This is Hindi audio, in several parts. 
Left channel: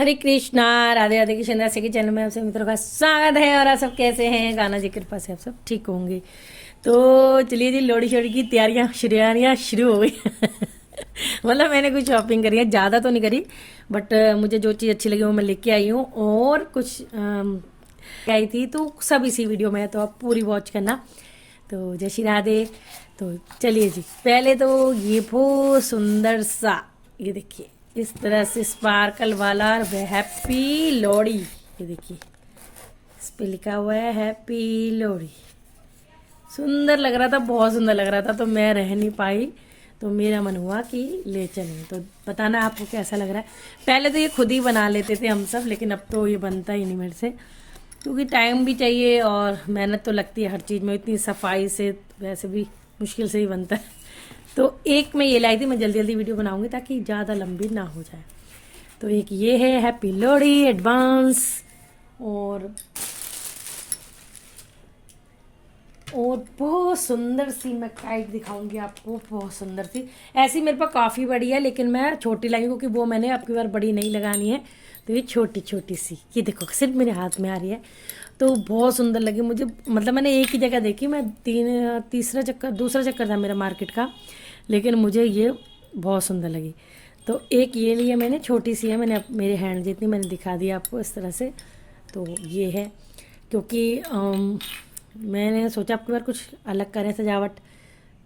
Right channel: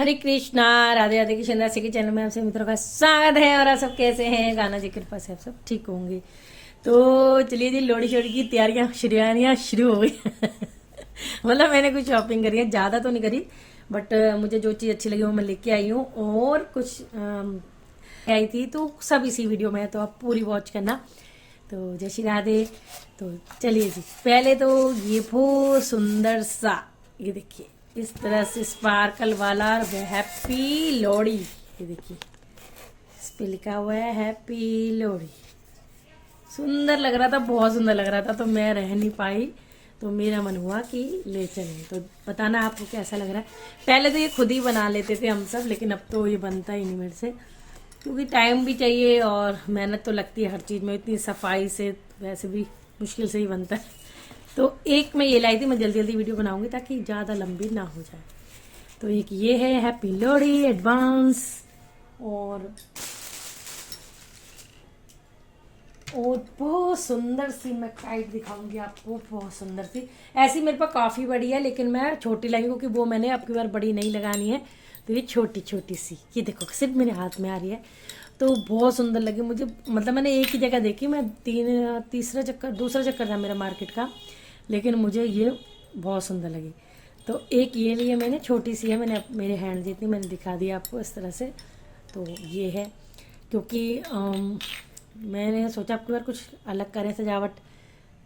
हरे कृष्णा। राधे राधे की चंदा से के चैनल में आपसे मित्रों का स्वागत है। और आप सब कैसे हैं? गाना जी कृपा से आप सब ठीक होंगे। तो चलिए जी, लोहड़ी शोड़ी की तैयारियां शुरू हो गई। मतलब मैंने कुछ शॉपिंग करी है, ज़्यादा तो नहीं करी, बट मुझे जो चीज़ अच्छी लगी वो मैं लेके आई हूँ। और कुछ आई थी तो सब इसी वीडियो में है, तो आप पूरी वॉच करना। तो जय श्री राधे। तो चलिए जी, पहले तो ये बहुत सुंदर सा, ये देखिए इस तरह से स्पार्कल वाला हैप्पी लोहड़ी। ये देखिए इस पे लिखा हुआ है हैप्पी लोहड़ी। सुंदर लग रहा था, बहुत सुंदर लग रहा था, तो मैं रह नहीं पाई, तो मेरा मन हुआ कि ले चलें। तो बताना आपको कैसा लग रहा है। पहले तो ये खुद ही बना लेते थे हम सब, लेकिन अब तो ये बनता ही नहीं मेरे से, क्योंकि टाइम भी चाहिए और मेहनत तो लगती है हर चीज़ में। इतनी सफाई से वैसे भी मुश्किल से ही बनता है। तो एक मैं ये लाई थी, मैं जल्दी जल्दी वीडियो बनाऊंगी ताकि ज़्यादा लंबी ना हो जाए। तो एक ये है हैप्पी लोहड़ी एडवांस। और बहुत सुंदर सी मैं काइट दिखाऊंगी आपको, बहुत सुंदर सी। ऐसी मेरे पास काफ़ी बड़ी है, लेकिन मैं छोटी लाई हूँ क्योंकि वो मैंने आपकी बार बड़ी नहीं लगानी है। तो ये छोटी छोटी सी, ये देखो सिर्फ मेरे हाथ में आ रही है। तो बहुत सुंदर लगी मुझे। मतलब मैंने एक ही जगह देखी, मैं दूसरा चक्कर था मेरा मार्केट का, लेकिन मुझे ये बहुत सुंदर लगी। तो एक ये लिए मैंने, छोटी सी है, मैंने मेरे हैंड जितनी मैंने दिखा दी आपको इस तरह से। तो ये है, क्योंकि मैंने सोचा आपकी बार कुछ अलग करें सजावट,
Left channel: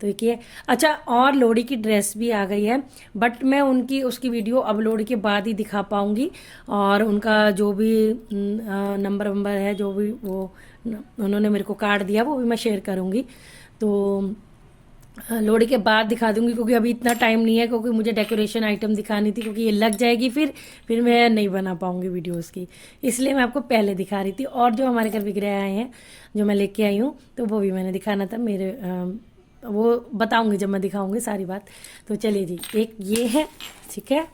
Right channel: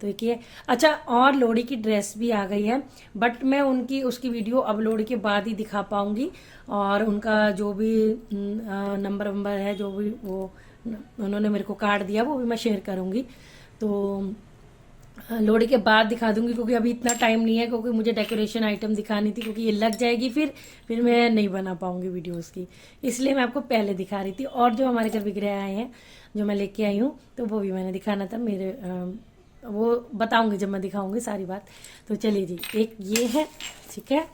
तो एक ये। अच्छा, और लोहड़ी की ड्रेस भी आ गई है, बट मैं उसकी वीडियो अब लोहड़ी के बाद ही दिखा पाऊंगी। और उनका जो भी नंबर वंबर है, जो भी वो उन्होंने मेरे को कार्ड दिया, वो भी मैं शेयर करूंगी। तो लोहड़ी के बाद दिखा दूंगी, क्योंकि अभी इतना टाइम नहीं है, क्योंकि मुझे डेकोरेशन आइटम दिखानी थी, क्योंकि ये लग जाएगी फिर मैं नहीं बना पाऊंगी वीडियोस की। इसलिए मैं आपको पहले दिखा रही थी। और जो हमारे घर विग्रह आए हैं, जो मैं लेके आई हूँ, तो वो भी मैंने दिखाना था। वो बताऊंगी जब मैं दिखाऊंगी सारी बात। तो चलिए जी, एक ये है, ठीक है।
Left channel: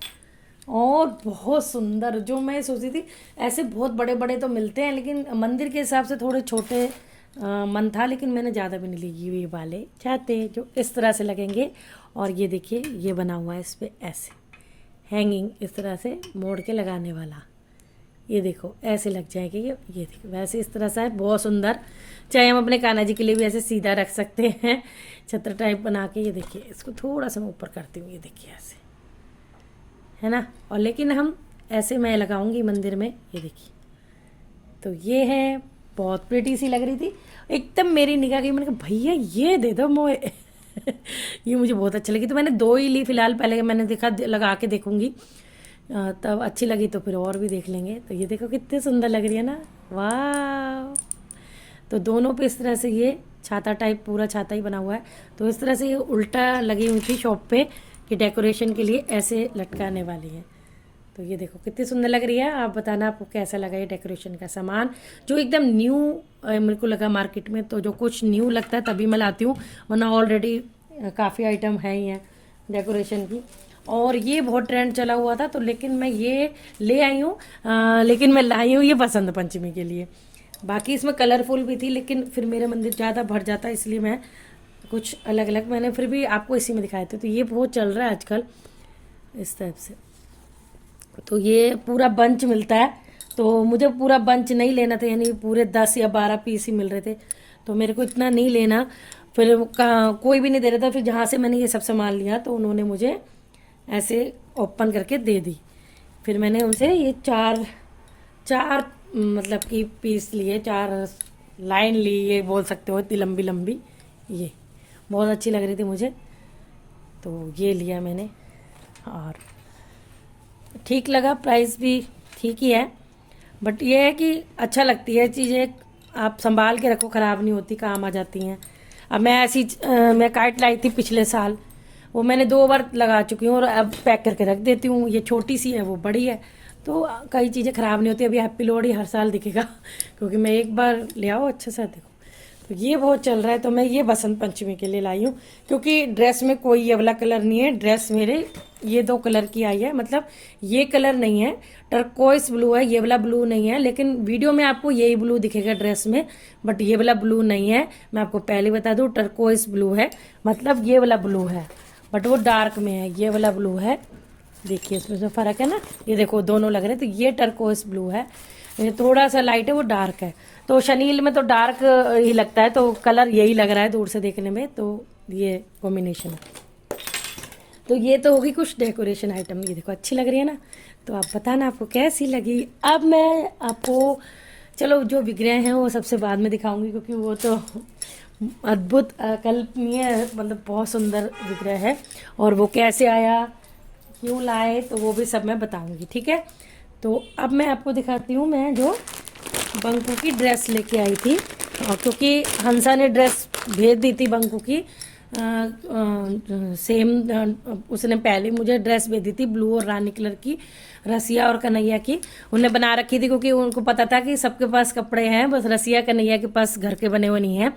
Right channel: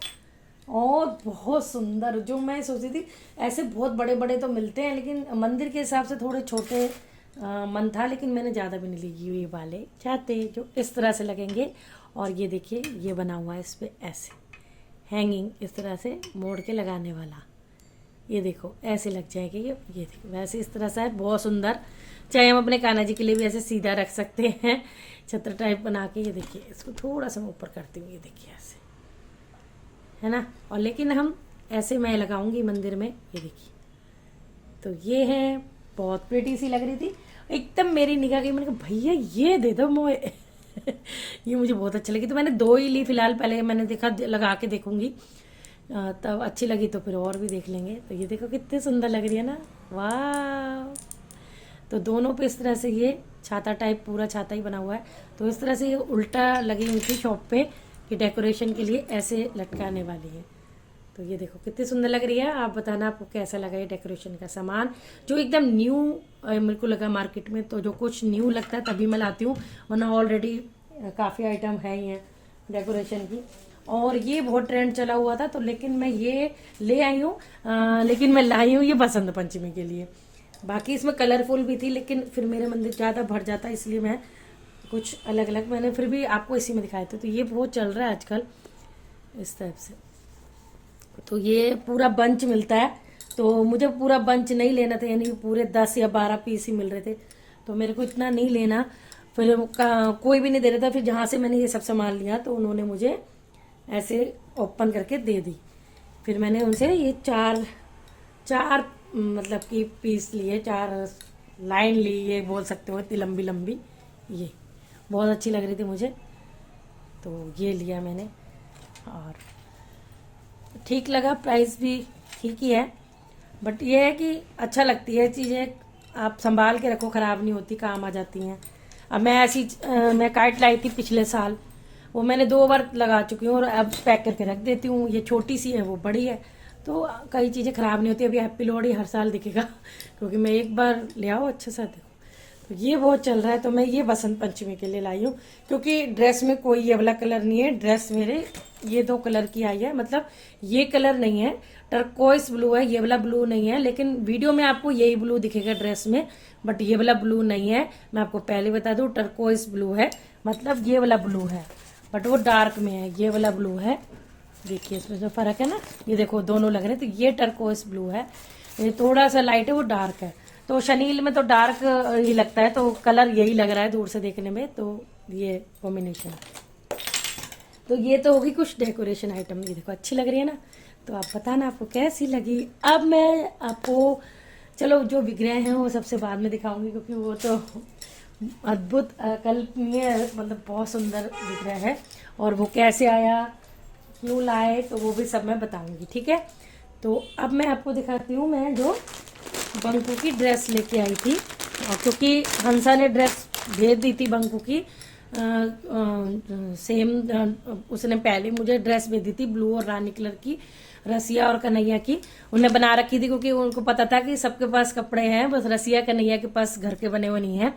और बहुत सुंदर, जो मैं सोची थी ऐसे बहुत बड़े बड़े तो मिलते हैं, लेकिन मंदिर के हिसाब से थोड़े छोटे मन था, लेकिन मैंने ज़्यादा भी नहीं ली। ये वाले चाहते जो इस तरह से लगेंगे। और ये देखिए, ये बना हुआ है इस पर ऐसे हैंगिंग, इस तरह से मोड़ के लगाने वाला। ये देखो ऐसे लग जाएगा। ये देखो वैसे इस तरह से है, बहुत सुंदर। चाहे हम अपने कान्हा जी के लिए भी ऐसे सीधा रख सकते हैं, छत्र टाइप बना के। ये देखिए, इसको थोड़ा सा मैं ऊपर करती हूँ, ये देखिए ऐसे, है ना। और लेकिन हम ऐसे मैं लगाऊंगी मंदिर में, ये देखिए। तो ये है, बहुत प्रिटी सी लग रही थी, एकदम मेरी निगाह गई। मैंने कहा भैया ये दे दो मोए। ये मुझे बहुत अच्छी लगी, तो मैंने दो ही ली फिलहाल। पहले मैंने देखा लगा के देखूंगी, तब अच्छी लगी तो फिर और भी देख लेंगे। तो ये देखो कितनी सुंदर लग रही है ना, वाह। तो दोनों पे इस तरह से ये छाता टाइप, पूरा छाता ही बना हुआ है। तो इस तरह से ये उल्टा लगी हुई थी शॉप पे कि डेकोरेशन के लिए ऐसे लटकाने वाली है। तो ये देखो कितनी सुंदर लग रही है। आप बताना आपको कैसा लगा ये डेकोरेशन का सामान, जो एकदम न्यू मेरे को लगा मार्केट में। तो जो कुछ न्यू लगता है तभी मैं लाती हूँ, वरना ऑलरेडी काफ़ी आइटम है ही हैं डेकोरेशन की। और ये बहुत ट्रेंड चला हुआ था, तो लेकिन मैं ये ले आई हूँ, लेकिन मैं लाई हूँ ये बसंत पंचमी के लिए। बाकी इसमें कलरफुल भी थी, लेकिन फिर मेरे मंदिर ज़्यादा भर जाता, इसलिए मैं कुछ अलग अलग मैंने फिर भी आपको इसी में दिखाए थे। तो ये बहुत चल रहा है आजकल इस टाइप से। तो ये पूरा बंच मिलता है, तो मुझे पूरा बंच नहीं लेना था, यानी पूरे 10 या 12 पीस ही मिल रहे थे, तो मेरे को इतना नहीं लेना। फिर कोई भी नहीं दे रहा था। फिर जहाँ से मैंने ये सब सामान लिया, तो उन्होंने मुझे ऐसे ओपन करके दे दी। फिर मैंने उनसे ये चार चार मतलब कि पीस लिए, 4 लाइन ली, ये बोल सकते हो, इतनी लंबी लंबी। ये बहुत अच्छी लग रही थी मुझे, तो ये लिया मैंने। और ठीक लगा, प्राइस भी ठीक ही है, बट ये है कि अच्छा लगती है चीज़ें, आप संभाल के रखो, ख़राब नहीं होती, काम आ जाती हैं। अब मैं मैं काइट लाई थी पिछले साल, वो मैंने 2 बार लगा चुकी हूँ और अब पैक करके रख देती हूँ। ये छोटी सी है, वो बड़ी है, तो कई चीज़ें ख़राब नहीं होती। अभी हैप्पी लोहड़ी हर साल दिखेगा, क्योंकि मैं एक बार ले आओ अच्छा सा देखो। तो ये बहुत चल रहा है, तो मैं ये बसंत पंचमी के लिए लाई हूँ, क्योंकि ड्रेस में कोई ये वाला कलर नहीं है। ड्रेस मेरे ये 2 कलर की आई है, मतलब ये कलर नहीं है, टर्कोइस ब्लू है, ये वाला ब्लू नहीं है। लेकिन वीडियो में आपको यही ब्लू दिखेगा ड्रेस में, बट ये वाला ब्लू नहीं है। मैं आपको पहले बता दूं, टर्कोइस ब्लू है, मतलब ये वाला ब्लू है, बट वो डार्क में है। ये वाला ब्लू है, देखिए इसमें फ़र्क है ना, ये देखो दोनों लग रहे हैं। तो ये टर्कोइस ब्लू है, ये थोड़ा सा लाइट है, वो डार्क है। तो शनील में तो डार्क ही लगता है, तो कलर यही लग रहा है दूर से देखने में। तो ये कॉम्बिनेशन, तो ये तो होगी कुछ डेकोरेशन आइटम। ये देखो अच्छी लग रही है ना, तो आप बताना आपको कैसी लगी। अब मैं आपको चलो जो विग्रह हैं वो सबसे बाद में दिखाऊंगी, क्योंकि वो तो अद्भुत अकल्पनीय, मतलब बहुत सुंदर विग्रह है। और वो कैसे आया, क्यों लाए, तो वो भी सब मैं बताऊंगी, ठीक है। तो अब मैं आपको दिखाती हूँ मैं जो बंकू की ड्रेस लेके आई थी, क्योंकि हंसा ने ड्रेस भेज दी थी बंकू की, सेम उसने पहले मुझे ड्रेस भेज दी थी ब्लू और रानी कलर की, रसिया और कन्हैया की उनने बना रखी थी, क्योंकि उनको पता था कि सबके पास कपड़े हैं, बस रसिया कन्हैया के पास घर के बने हुए नहीं हैं।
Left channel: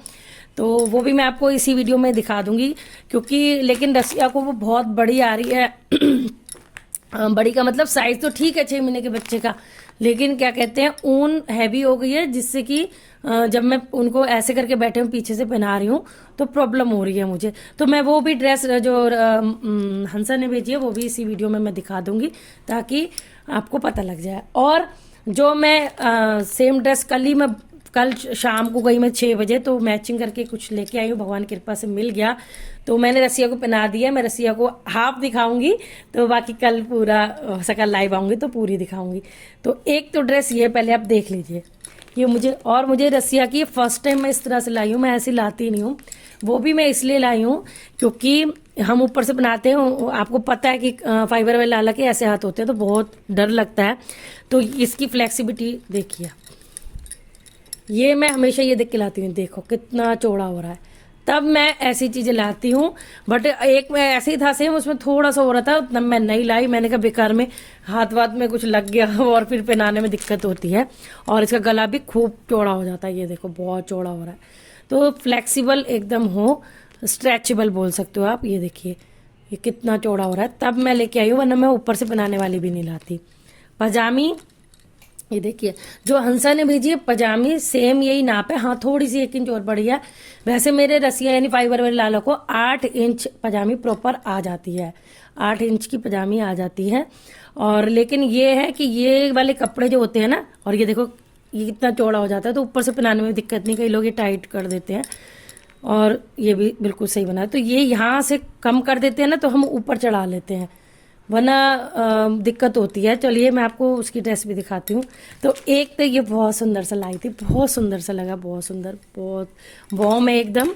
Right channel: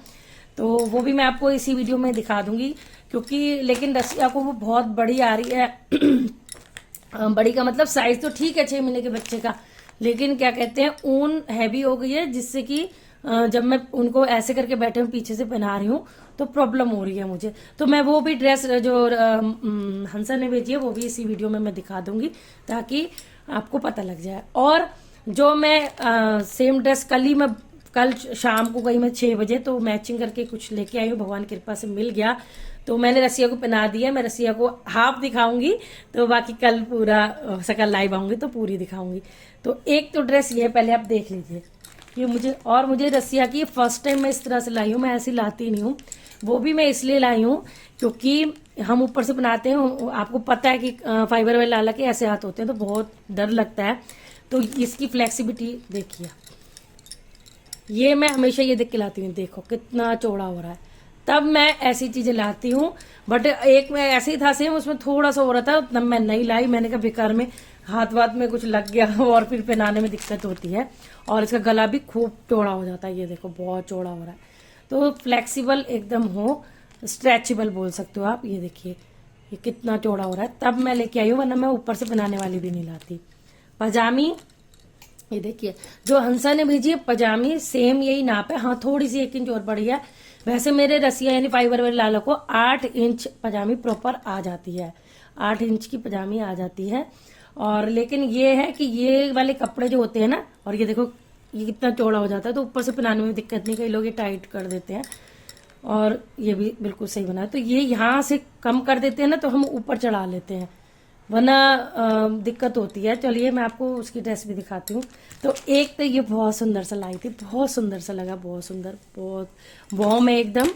तो वो भी मैं आपको इसी वीडियो में दिखा दूंगी, क्योंकि लेकिन रसिया को वो बहुत बड़ी आ रही है। बड़ी का मतलब साइज तो ठीक है 6 महीने के बच्चे का, लेकिन क्या कहते हैं ऊन हैवी हो गई है, जिससे कि जब मैं उनको ऐसे करके बैठे हूँ पीछे से पहना रही हूँ तो प्रॉब्लम हो रही है मुझे। तो मैं वो भी ड्रेस जो हंसा ने भेजी है वो भी इसी वीडियो में मैं दिखा दूंगी, ताकि आपको पता लग जाए। और जो मैं सेम ड्रेस कल शाम को गई मैं 6 बजे, तो मैचिंग करके कुछ लेके आई हूँ, भगवान की कृपा से मिल गया। तो मैंने रसिया को पहना दिया, मैं रसिया को हाफ दिखाऊंगी, तो बाकी कल पूरा हो सका लाइव आऊंगी तो पूरी दिखाऊंगी। तो एक तो ड्रेस ये पहले आप देख लीजिए, ये मुझे रसिया की फर्स्ट टाइम मैं इस तरह से लाई हूँ, मैं ऐसी लाती नहीं हूँ। वो भी मैं इसलिए लाई हूँ क्योंकि हम ऊपर से बनाते हैं, आपको पता है कि फाइबर वाले लाला के ऐसे हाथ होते हैं तो बहुत डर लगता है। तो इसकी फ्लेक्सिबिलिटी देखिए, ये मैं हमेशा ये देख के लाती हूँ, देखो कितना चौड़ा हो रहा है। तब मैं ऐसी चीजें लाती हूँ, बट एक में ऐसे ही था सेम, उसमें थोड़ा सा हो रहा था, तब मैं नहीं लाई। मैंने कहा बेकार में हाथ वाथ में कुछ लग गया और फिर पहनाने में दिक्कत होती है। और इसका गला भी खूब चौड़ा हो जाता है, ये देखो बहुत चौड़ा हो रहा है। तो फ्लेक्सिबल एकदम हो, स्ट्रेचेबल बोल सकते हो आप। ये देखिए ये कितना चौड़ा हो रहा है, तब मैं लेके आई हूँ, वरना मैं ऊपर से पहनाने वाली भी नहीं लाती। पजामी, ये देखिए जो हंसा ने भेजी है पजामी, सेम यही नाप है, हाँ थोड़ी सी 1 इंच और बढ़ी है। वैसे मेरे रसिया यानी फाइबर वाले लाला को 8 इंच पजामी प्रॉपर आ जाती है, 8 इंच की पजामी आ जाती है। और लेकिन ये है कि ये वाले कपड़े जो होते हैं ना, और ये देखो ये कितना चौड़ा हो जाता है, तो ऊपर से पहनाने में दिक्कत नहीं, कई लोग ये टाइट कर देते हैं। और ये भी बिल्कुल सही बना है, तो ये यहाँ से कम कर देते हैं ना, तो हम ऊपर चढ़ा लेते हैं, वरना दिक्कत होती है। चलिए मैं आपको उसकी ड्रेस भी दिखाती हूँ। तो एक तो ये बहुत सुंदर सा लाई थी, बहुत सुंदर सा लगा, बहुत सुंदर, बहुत वार्म है एकदम।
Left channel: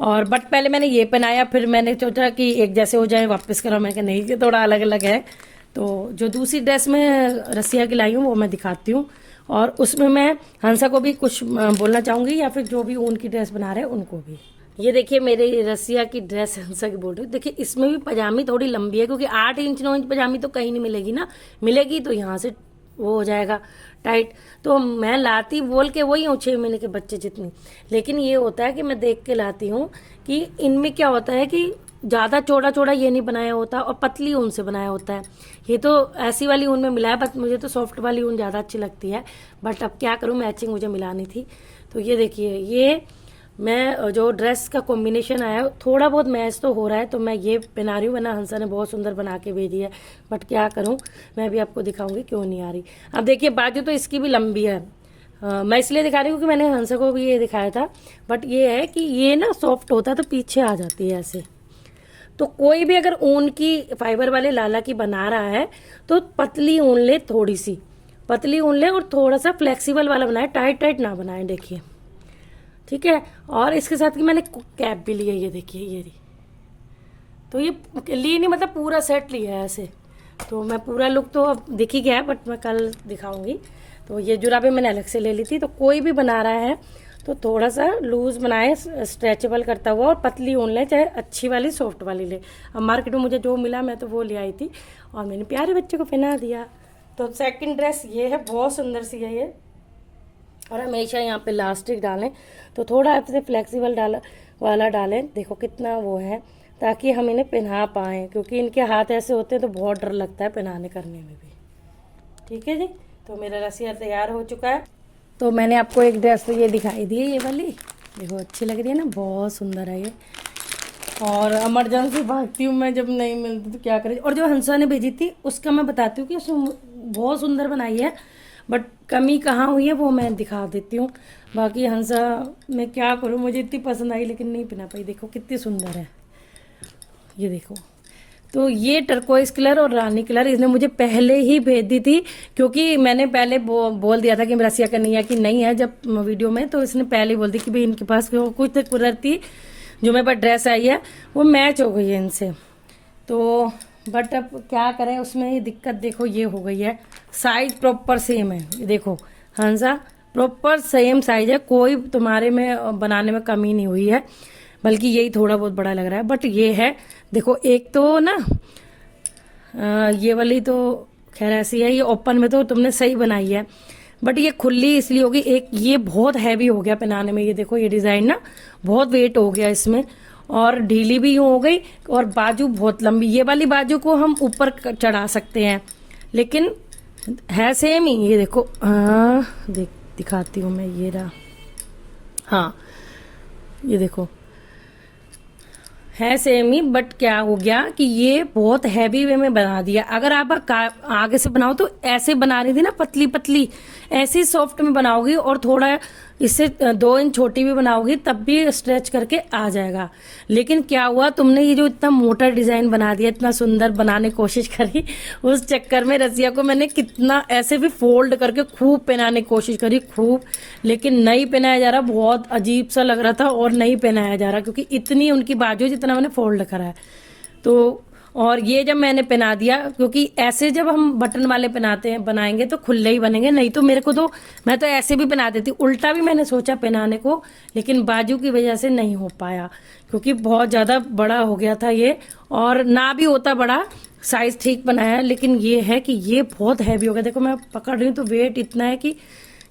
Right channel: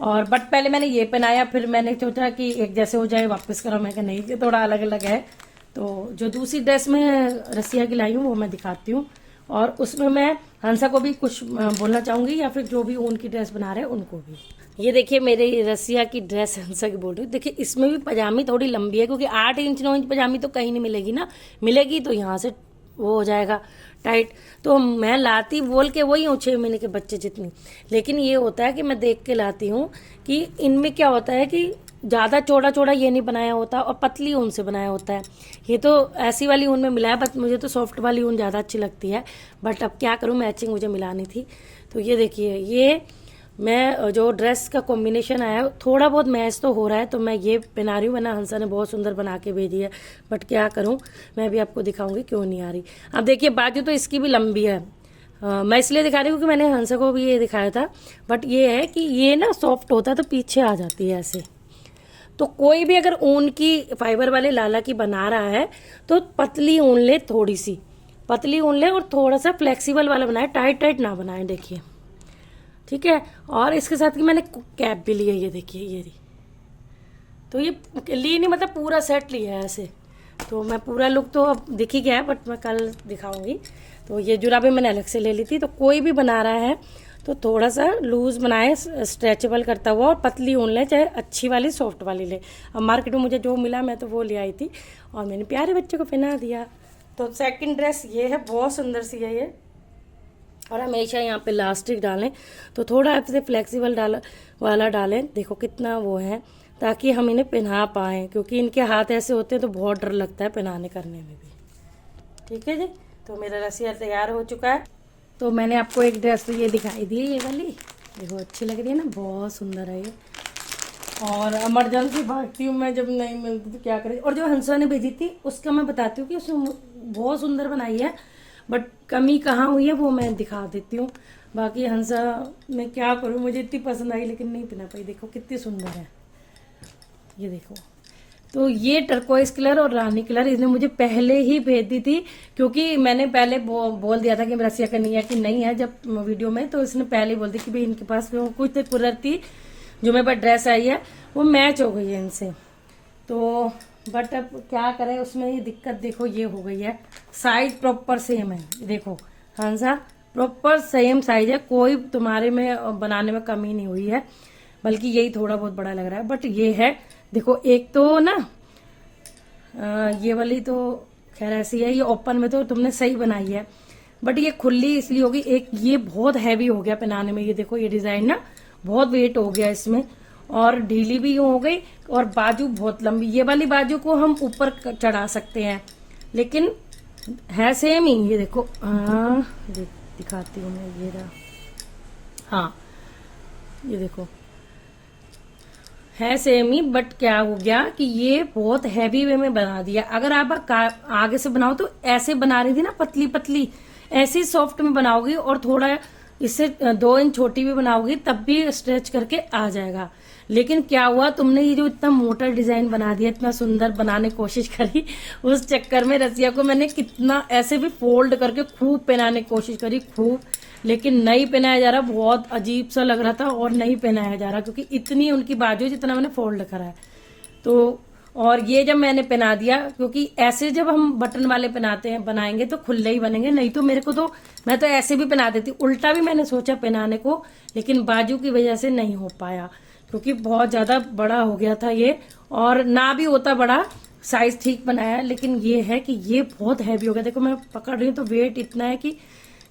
और बट पहले मैंने ये पहनाया, फिर मैंने सोचा कि एक जैसे हो जाए, वापस करा, मैं नहीं कि थोड़ा अलग अलग है। तो जो दूसरी ड्रेस में रसिया की लाई हूँ वो मैं दिखाती हूँ, और उसमें मैं हंसा को भी कुछ बोलना चाहूंगी, या फिर जो भी ऊन की ड्रेस बना रहे हैं उनको भी। ये देखिए मेरी रसिया की ड्रेस हंसा की बोल रही हूँ। देखिए इसमें भी पजामी थोड़ी लंबी है, क्योंकि 8 इंच 9 इंच पजामी तो कहीं नहीं मिलेगी ना, मिलेगी तो यहाँ से वो हो जाएगा टाइट। तो मैं लाती बोल के वही हूँ 6 महीने के बच्चे जितनी, लेकिन ये होता है कि मैं देख के लाती हूँ कि इनमें क्या होता है कि ज़्यादा चौड़ा चौड़ा ये नहीं बनाया होता, और पतली ऊन से बनाया होता है। ये तो ऐसी वाली ऊन में मिला है, बट मुझे तो सॉफ्ट वाली ऊन ज़्यादा अच्छी लगती है, बट अब क्या करूँ, मैचिंग मुझे मिलानी थी। तो ये देखिए ये मैं जो ड्रेस का कॉम्बिनेशन आया थोड़ा बहुत मैच तो हो रहा है, तो मैं ये पहना रही हूँ, वरना हंसा ने बहुत सुंदर बना के भेजी है, बट क्या करूँ, मैं भी आपको दिखाऊंगी क्यों नहीं आ रही। अब देखिए बाजू तो इसकी भी लंबी है, मैं इसलिए दिखा रही हूँ कि मैंने हंसा को भी ये दिखाया था, बट ये है कि ये ना सॉफ्ट होता है तो पीछे आ जाती है ऐसे। तो कोई भी अगर ऊन की फाइबर वाले लाला की बना रहा है तो पतली ऊन ले, थोड़ी सी पतली ऊन ले, और थोड़ा सा फ्लेक्सिबल वाला बनाए, टाइट टाइट ना बनाए, देखिए ठीक है। और इसके साथ की मैंने कैप भी ली है, ये देखिए ये रही। तो ये ली नहीं, मतलब पूरा सेट लिया है ऐसे। तो मैं पूरा लुक तो अब दिख ही गया है, बट मैं कल दिखाऊंगी। तो ये जुराबें मैंने अलग से ले ली थी। तो कोई भी बना रहा है तो थोड़ा सा लूज बनाए, स्ट्रेचेबल करता हुआ, और पतली ऊन ले, चाहे अच्छी वाली सॉफ्ट वाली ले। अब मार्केट में मुझे जो मिला मैं तो वो ले आई थी, और मैंने प्यारे बच्चे को पहना दिया। तो सेकंड ड्रेस ये है, बहुत सुंदर सी है ये, और हमेशा यहाँ पे इलास्टिक डालें, तो थोड़ा ऐसे फ्लेक्सिबल वाला डालें, देखो कितना वो है, ताकि हम इन्हें पहना पाएँ, क्योंकि इनके हाथ ऐसे होते हैं तो बहुत डर लगता है पहनाने करने में भी। ठीक है जी, तो मेरा रसिया तैयार हो चुका है। तो मैंने आपको एक ड्रेस तो ये दिखाई दी है, ये वाली देखो अच्छी लग रही है ना, बहुत सुंदर है ये। और इमरजेंसी भागती हूँ मैं जब नहीं मिलती तो क्या करें। और जो हंसा ने भेजी थी उसका मैं बताती हूँ कि उसने बहुत सुंदर बनाई है, बट कमी कहाँ हुई है वो मैं दिखा देती हूँ। बाकी हंसा मैं क्या करूँ, मुझे इतनी पसंद आई लेकिन नहीं पहना पाई। देखो कितनी सुंदर है, ये देखो। तो ये टर्कोइज कलर और रानी कलर इसने मुझे पहले ही भेज दी थी, क्योंकि मैंने पहले बोल दिया था कि रसिया कन्हैया की नहीं है जब वीडियो में, तो इसने पहले बोल दी कि भाई इनके पास कुछ कलर थी जो मेरे पास ड्रेस आई है वो मैच हो गई है इनसे। तो बट अब क्या करें, उसमें ये दिक्कत देखो ये हो गई है, साइज प्रॉपर सेम है। ये देखो हंसा प्रॉपर सेम साइज है, कोई तुम्हारे में बनाने में कमी नहीं हुई है, बल्कि यही थोड़ा बहुत बड़ा लग रहा है। बट ये है देखो, एक तो ना ये वाली तो खैर ऐसी है, ये ओपन में तो तुमने सही बनाई है, बट ये खुली इसलिए होगी। एक ये बहुत हैवी हो गया पहनाने में, ये देखो ये डिजाइन ना बहुत वेट हो गया इसमें, और ढीली भी यूं हो गई, और बाजू बहुत लंबी। ये वाली बाजू को हम ऊपर चढ़ा सकते हैं, लेकिन है सेम ही। ये देखो दिखाती हूँ मैं, ये रहा, हाँ ये देखो है सेम ही, बट क्या हो गया कि ये बहुत हैवी वे में बना दिया। अगर आप आगे से बनाओ तो ऐसे बना रही थी ना पतली पतली, ऐसी सॉफ्ट में बनाओगी, और थोड़ा इससे 2 इंच छोटी भी बनाओगी तब भी स्ट्रेच करके आ जाएगा। लेकिन क्या हुआ, तुमने ये जो इतना मोटा डिजाइन बना दिया, इतना सुंदर बनाने की कोशिश करी, उस चक्कर में रसिया को मैंने कितना ऐसे भी फोल्ड करके खूब पहनाने की कोशिश करी खूब, लेकिन नहीं पहनाया जा रहा, बहुत अजीब सा लग रहा था और नहीं पहनाया जा रहा, क्योंकि इतनी उनकी बाजू जितना मैंने फोल्ड करा है। तो और ये जब मैंने पहना दिया, क्योंकि ऐसे जब हम बटन वाले पहनाते हैं बनाएंगे तो खुले ही बनेंगे, नहीं तो मेरे को तो मैं तो ऐसे भी पहना देती, उल्टा भी मैंने सोचा पहनाने को, लेकिन बाजू की वजह से नहीं हो पाया, क्योंकि बहुत ज्यादा बड़ा हो गया था ये, और ना भी होता बड़ा, साइज ठीक बनाया, लेकिन ये है कि ये बहुत हैवी हो गया। देखो मैं पकड़ रही हूँ तो वेट इतना है कि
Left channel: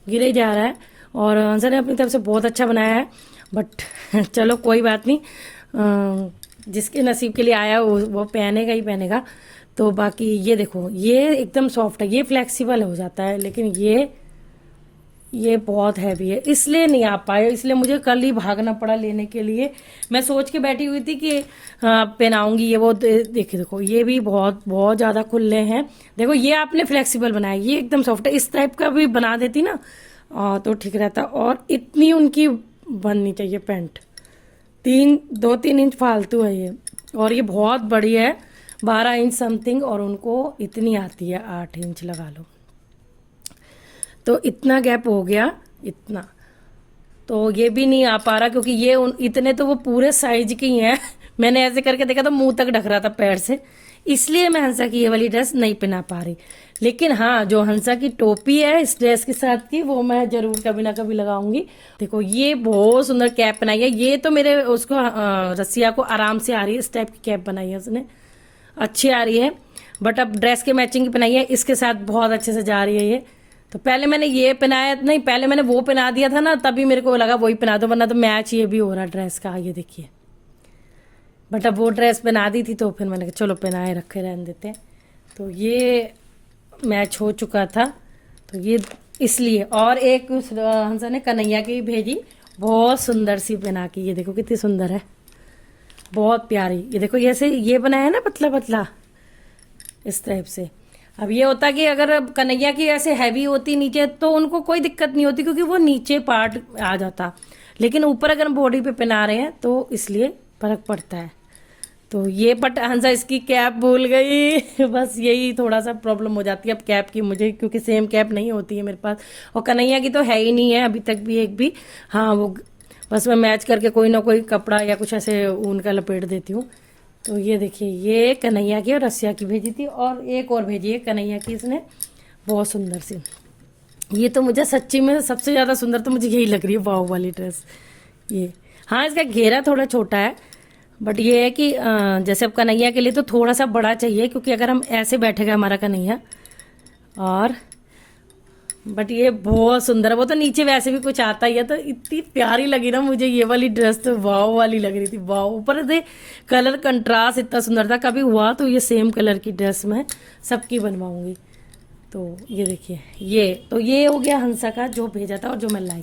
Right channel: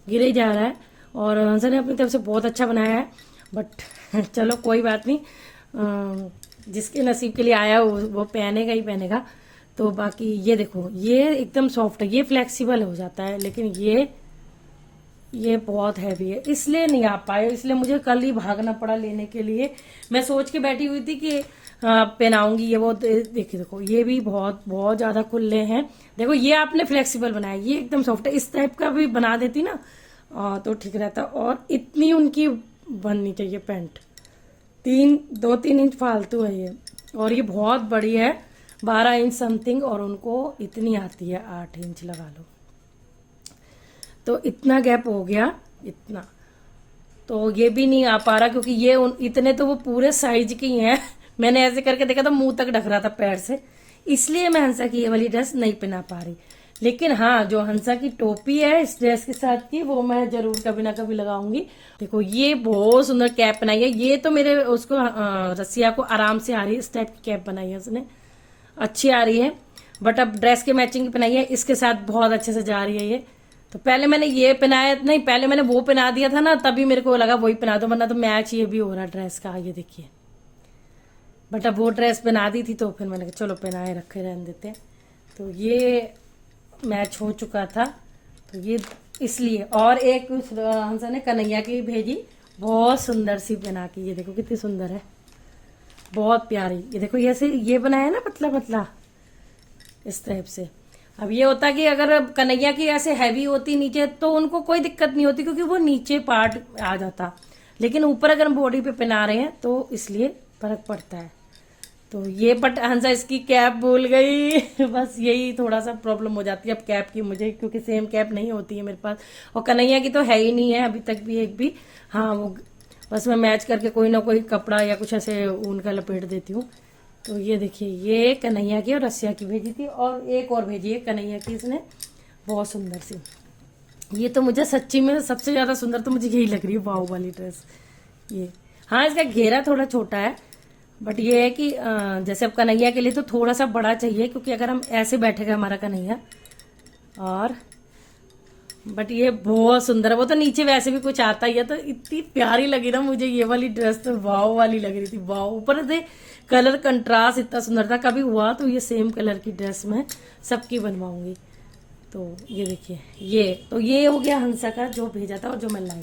गिरे जा रहा है, और हंसा ने अपनी तरफ से बहुत अच्छा बनाया है, बट चलो कोई बात नहीं, जिसके नसीब के लिए आया वो पहनेगा ही पहनेगा। तो बाकी ये देखो ये एकदम सॉफ्ट है, ये फ्लेक्सिबल हो जाता है, लेकिन ये बहुत हैवी है, इसलिए नहीं आ पाए, इसलिए मुझे कल ही भागना पड़ा लेने के लिए। मैं सोच के बैठी हुई थी कि पहनाऊंगी ये वो, देखिए देखो ये भी बहुत बहुत ज्यादा खुले हैं। देखो ये आपने फ्लेक्सिबल बनाया, ये एकदम सॉफ्ट है, इस टाइप का भी बना देती ना तो ठीक रहता। और इतनी उनकी बननी चाहिए पैंट, 2-3 इंच फालतू है ये, और ये बहुत बड़ी है 12 इंच समथिंग, और उनको इतनी आती है 8 इंच लगा लो, तो इतना गैप हो गया इतना। तो ये भी नहीं आ पा रहा, क्योंकि ये इतने तो वो पूरे साइज की हैं मैंने ऐसे करके देखा था, मुंह तक ढक रहा था पैर से, इसलिए मैं हंसा की ये वाली ड्रेस नहीं पहना पा रही। लेकिन हाँ, जो हंसा की टोपी है इस ड्रेस के साथ की, वो मैं जरूर कभी ना कभी लगाऊंगी। देखो ये बहुत सुंदर कैप बनाई है, ये तो मेरे उसको रसिया को आराम से आ रही है, इस टाइप की कैप बनाई है उसने, अच्छी आ रही है। बट अब ड्रेस के मैचिंग की पहनाई है, इसके साथ बहुत अच्छे से जा रही है ये। तो पहले मैंने ये पहनाया नहीं, पहले मैंने वो पहना दिया था ना, तभी मेरे को लगा वही पहना दो, वरना तो मैच ये भी हो रहा ड्रेस का, ये देखिए। बट अब वो ड्रेस पहना दी थी तो फिर मैंने कहा चलो पहनाए रखे रहने देते हैं, तो ये मैच हो चुका था, तो ये इसलिए। और एक हंसा ने कन्हैया की भेजी, बहुत सुंदर सी पहना की, ये देखो कितनी सुंदर है, बहुत प्यारी। ये देखो ये बनाया ना पतला पतला इस टाइप से। अब ये होता कि अगर कन्हैया की ऐसे हैवी होती नीचे तो उनको कोई दिक्कत नहीं होती, क्योंकि वो नीचे पार्ट आ जाता, लेकिन ऊपर अगर हम बॉडी पे पहना रहे हैं तो इसलिए फर्क पड़ता है। तो ये बट हंसा इसकी कैप भूल गई बस यही थोड़ा सा प्रॉब्लम हो जाती है अब कैप की मुझे, क्योंकि सेम कैप नहीं होती है मेरे पास, और कन्हैया की तो है ही नहीं है अभी तक भी एक भी। हाँ वो बस मैं मैच करके कोई ना कोई कपड़ा या कुछ ऐसे ऊन का लपेट देती हूँ। तो ये देखिए ये कन्हैया की और रसिया की भेजी थी, और एक और भेजी है कन्हैया की इसने, बहुत सुंदर सी। ये तो मुझे सच्ची में सबसे ज्यादा सुंदर तो मुझे यही लग रही है, वाव वाली ड्रेस ये। हाँ इसका घेरा थोड़ा छोटा है, बट ये है कि जैसे अब कन्हैया के लिए तो थोड़ा सा बड़ा चाहिए, क्योंकि अगर हम ऐसे बैठेगा हमारा कन्हैया, और बट ये बहुत सुंदर है। वो तो नीचे वैसे भी कुछ आता ही है, तो इतनी प्यारी लगी ना मुझे ये वाली ड्रेस, तो वाव वाली लग रही थी, वाव। ऊपर से कलर कंट्रास्ट इतना सुंदर था, कभी हुआ तो ये सेम कलर की ड्रेस मैं सबकी बनवाऊंगी। तो ये देखिए ये हो गया हंसा का जो भेजा था और जो मैं लाई।